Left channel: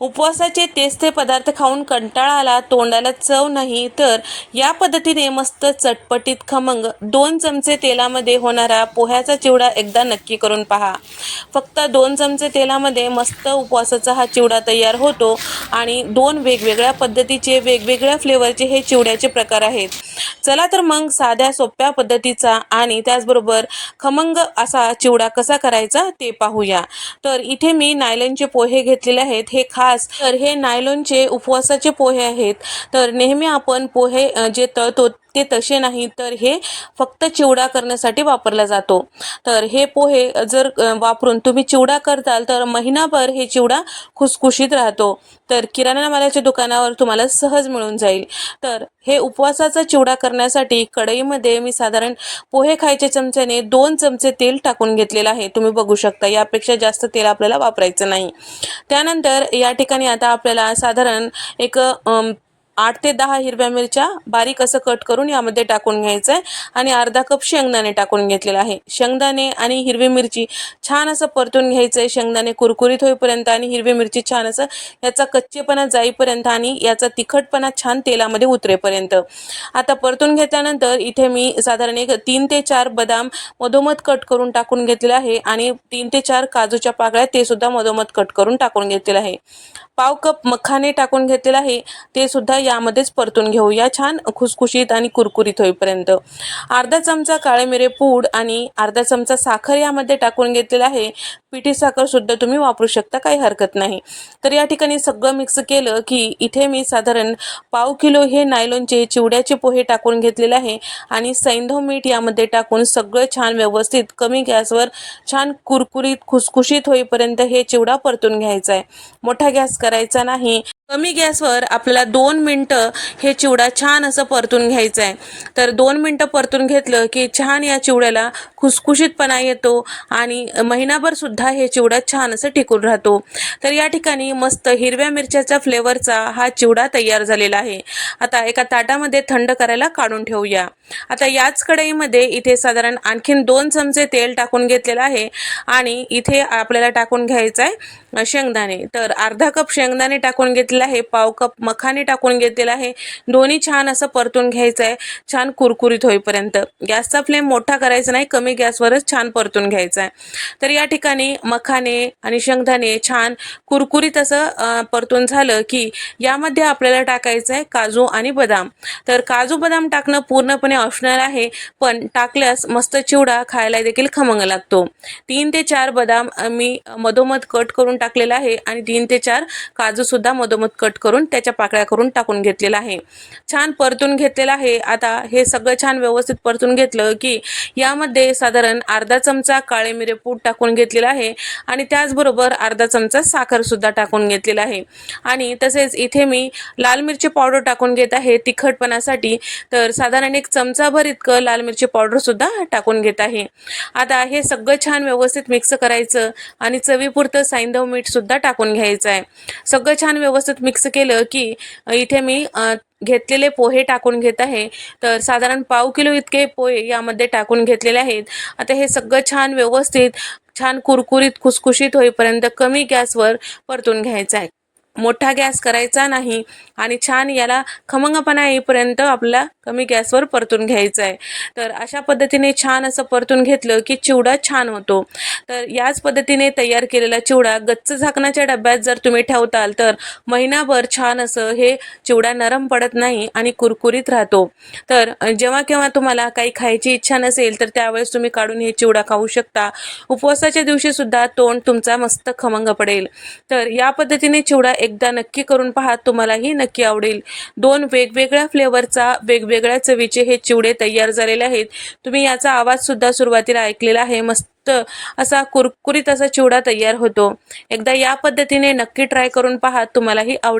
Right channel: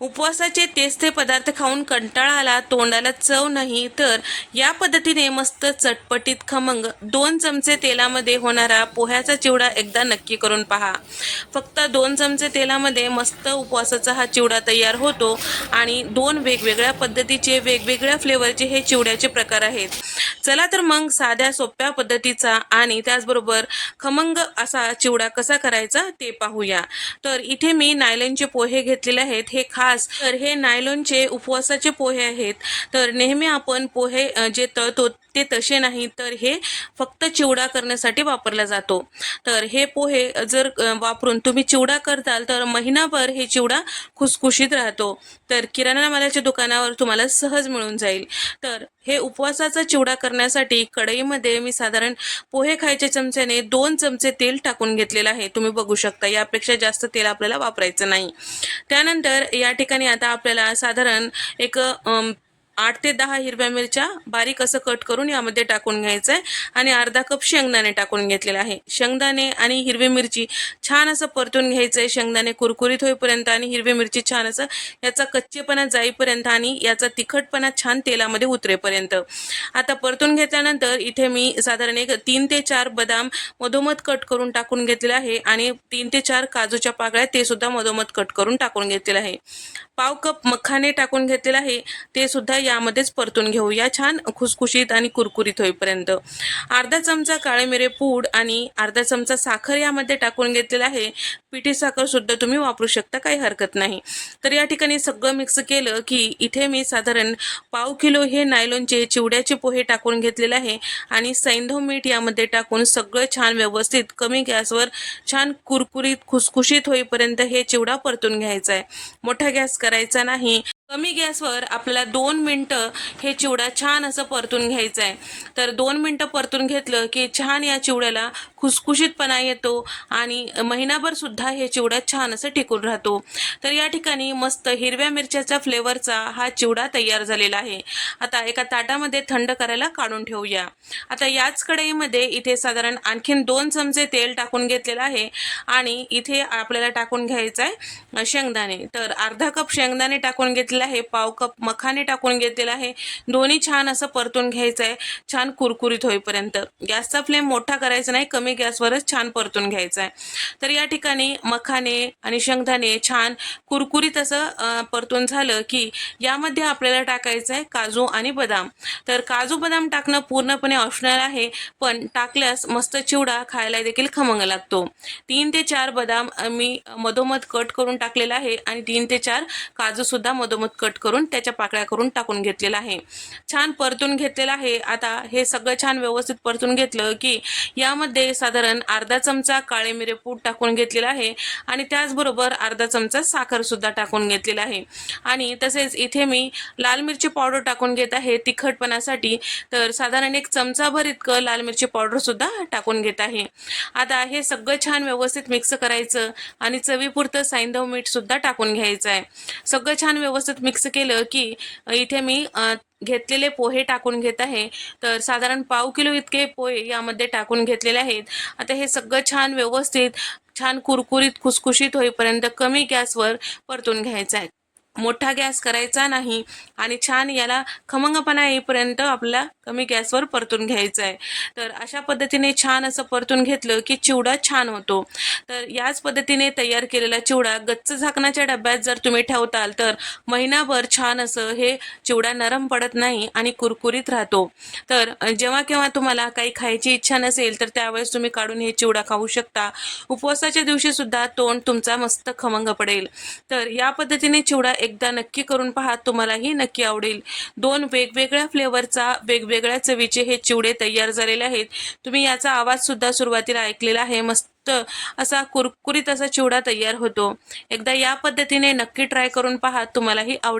उपवासाचे तेच ते पदार्थ खाऊन कंटाळा आला तोंडाला चव नाही तर या पद्धतीने मस्त चटपटीत खमंग. दोन चमचे तेलामध्ये होणारा पोह्याचा चिवडा एकदा नक्की करून पहा. फक्त दोन चमचे तेलामध्ये मस्त उपवासाचा हा चिवडा तयार होतो आणि दोन वेगवेगळ्या पद्धतीचे वेगवेगळ्या फ्लेवरचे हे चिवड्याचे प्रकार आहेत. चला तर मग साध्या सोप्या पद्धतीचा आणि त्याचबरोबर खमंग असा चिवडा कसा करायचा ते पाहूया. तर इथे मी नायलॉनचे पोहे घेतलेले आहेत. हे खास तर हे नायलॉनचे उपवासाचे पोहे आहेत. तर नेहमी आपण पोहे जे तळतो ते तसे नाही तर हे फक्त चिवडा करण्यासाठी वापरला जातो. तर हे पोहे जर वापरून तुम्ही चिवडा करताल तर महिनाभर हे चिवडा खुसखुशीत राहतो. तर किराणा मालाच्या दुकानावर तुम्हाला सहज मिळून जाईल. तर हे उपवासाचा चिवडा करण्यासाठी कढईमध्ये मी साधारण पोहे खायच्या चमच्याने दोन चमचे तेल टाकून घेतलेलं आहे. तुम्ही बघू शकता यापेक्षा जास्त तेल आपल्याला वापरायचं नाही. त्यानंतर या ठिकाणी आता आपल्याला साधारण एक आठ ते दहा हिरव्या मिरच्या बारीक असं कट करून यामध्ये टाकून घ्यायचं आहे आणि अर्धा कप शेंगदाणे टाकून घेतलेला आहे. शेंगदाणे आणि हिरवी मिरची छान असं परतून घ्यायचं आहे शेंगदाणे कुरकुरीत होईपर्यंत आणि हिरवी मिरची छान असं याचा कच्चेपणा जाईपर्यंत आणि याचा तिखटपणा छान तेलामध्ये उतरेपर्यंत. आता परतून घेतल्यानंतर इथे मी साधारण एक तीन ते चार बदाम मधोमध कट करून टाकून घेतलेला आहे आणि तीन ते चार काजूच्या पाकळ्या ते सुद्धा मधोमध कट करून टाकून घेतलेलं आहे. पाव कप मखाने टाकून घेतलेलं आहे. ते सुद्धा यामध्येच परतून घेऊया छान खुसखुशीत आणि कुरकुरीत होईपर्यंत. अर्धा चमचा काळे मिरे पूड आणि अर्धा चमचा साखर यामध्ये टाकून घेतलेला आहे. पिठी साखर सुद्धा तुम्ही वापरू शकता काही हरकत नाही. तर या ठिकाणी सगळं मिक्स केलं की इथे मी साधारण पाव किलो हे नायलॉनचे चिवड्याचे पोहे टाकून घेतलेले आहे आणि सैंधव मीठ यामध्ये टाकून सगळं छान व्यवस्थित कमी गॅसवर छान कुरकुरीत खुसखुशीत होईपर्यंत हे चिवडा परतून घ्यायचा आहे. मोठा गॅस करायचा नाही. कमी गॅसवर आपल्याला दोन मिनटं हे चिवडा छान असं परतून घ्यायचं आहे. तर दोन मिनटं परतून घेतलं की छान या चिवड्याला खुसखुशीतपणा येतो आणि महिनाभरसुद्धा हे चिवडा छान असं टिकून राहतो. तर या ठिकाणी मस्त हिरव्या मिरच्याचा फ्लेवरचा हा चिवडा तयार झालेला आहे. आता एका ताटामध्ये थंड करायला काढून ठेवूया. आता याच कढईमध्ये इथे साधारण आणखीन दोन चमचे तेल टाकून घेतलेलं आहे आणि इथे आपल्याला टाकून घ्यायचं आहे शेंगदाणे. तर अर्धा कप शेंगदाणे टाकून घेतलेला आहे. पाव कप मखाने टाकून घेतलेला आहे. दोन्ही छान असं परतून घ्यायचं आहे छान कुरकुरीत होईपर्यंत. गॅसचा फ्लेम मोठा करायचा नाही कमी गॅसवरच छान परतून घ्यायचा आहे तर या ठिकाणी मखाने आणि शेंगदाणे छान कुरकुरीत असं परतून झालं की यामध्ये आपल्याला टाकायचं आहे काजू आणि बदाम. तर काजू बदाम टाकणं पूर्णपणे ऑप्शनल आहे पण टाकल्यास मस्त चिवडा खायला देखील खमंग लागतो. तीन ते चार बदाम मी मधोमध कट करून टाकलेला आहे आणि तीन ते चार काजू सुद्धा मधोमध कट करून त्याच्या पाकळ्या करून टाकून घेतलेला आहे. छान परतून घेतलेला आहे. आता हे सगळं छान व्यवस्थित परतून घेतलं की यामध्ये साधारण अर्धा चमचा काळे मिरे पूड टाकून घेतलेला आहे आणि त्याचबरोबर अर्धा चमचा साखर सुद्धा टाकून घेतलेला आहे. आणि तसेच इथे मी लाल मिरची पावडर टाकून घेत आहे तिखटपणासाठी. तर साधारण एक चमचाभर इतकं लाल मिरची पावडर सुद्धा टाकून घेत आहे. आता हे सगळं छान व्यवस्थित मिक्स करायचं आणि चवीपुरतं साईंधव मीठ सुद्धा टाकून घ्यायचं आहे. सगळं छान व्यवस्थित मिक्स केलं की इथे मी घेतलेले पोहे टाकून घेत आहे. तर साधारण पाव किलो इतके पोहे यामध्ये टाकून घेतलेले आहेत. आता हे सगळं छान व्यवस्थित छान कुरकुरीत खुसखुशीत होईपर्यंत कमी गॅसवर परतून घ्यायचं आहे. मोठा गॅस करायचा नाही आणि छान याला खमंगपणा येईपर्यंत आपला कमी गॅसवर परतून घ्यायचा आहे तर अशा पद्धतीने छान असं परतून घेतलं की चिवडा छान होतो. तर याच पद्धतीने तयार केलेला चिवडा गच्च झाकणाच्या डब्यात जर तुम्ही ठेवताल तर महिनाभर छान असं हे चिवडा नरम पडत नाही आणि कुरकुरीत राहतो. तर जेव्हा केव्हा तुम्हाला काही खायची इच्छा नसेल तर त्यावेळेस तुम्ही काढून हे चिवडा खाऊ शकता. उपवासाच्या दिवशी सुद्धा तोंड तुमचा मस्त खमंग पडेल. तर या पद्धतीने चिवडा एकदा नक्की करून पहा तुम्हालाही नक्की आवडेल. दोन वेगवेगळ्या फ्लेवरचा वेगवेगळ्या चवीचे हे चिवडे तयार झालेले आहेत. तुम्ही याचा आवाज सुद्धा सुरुवातीला ऐकलेला आहे. मस्त असा कुरकुरीत असा चिवडा तयार होतो. एकदा या पद्धतीने नक्की ट्राय करून पहा तुम्हालाही आवडेल.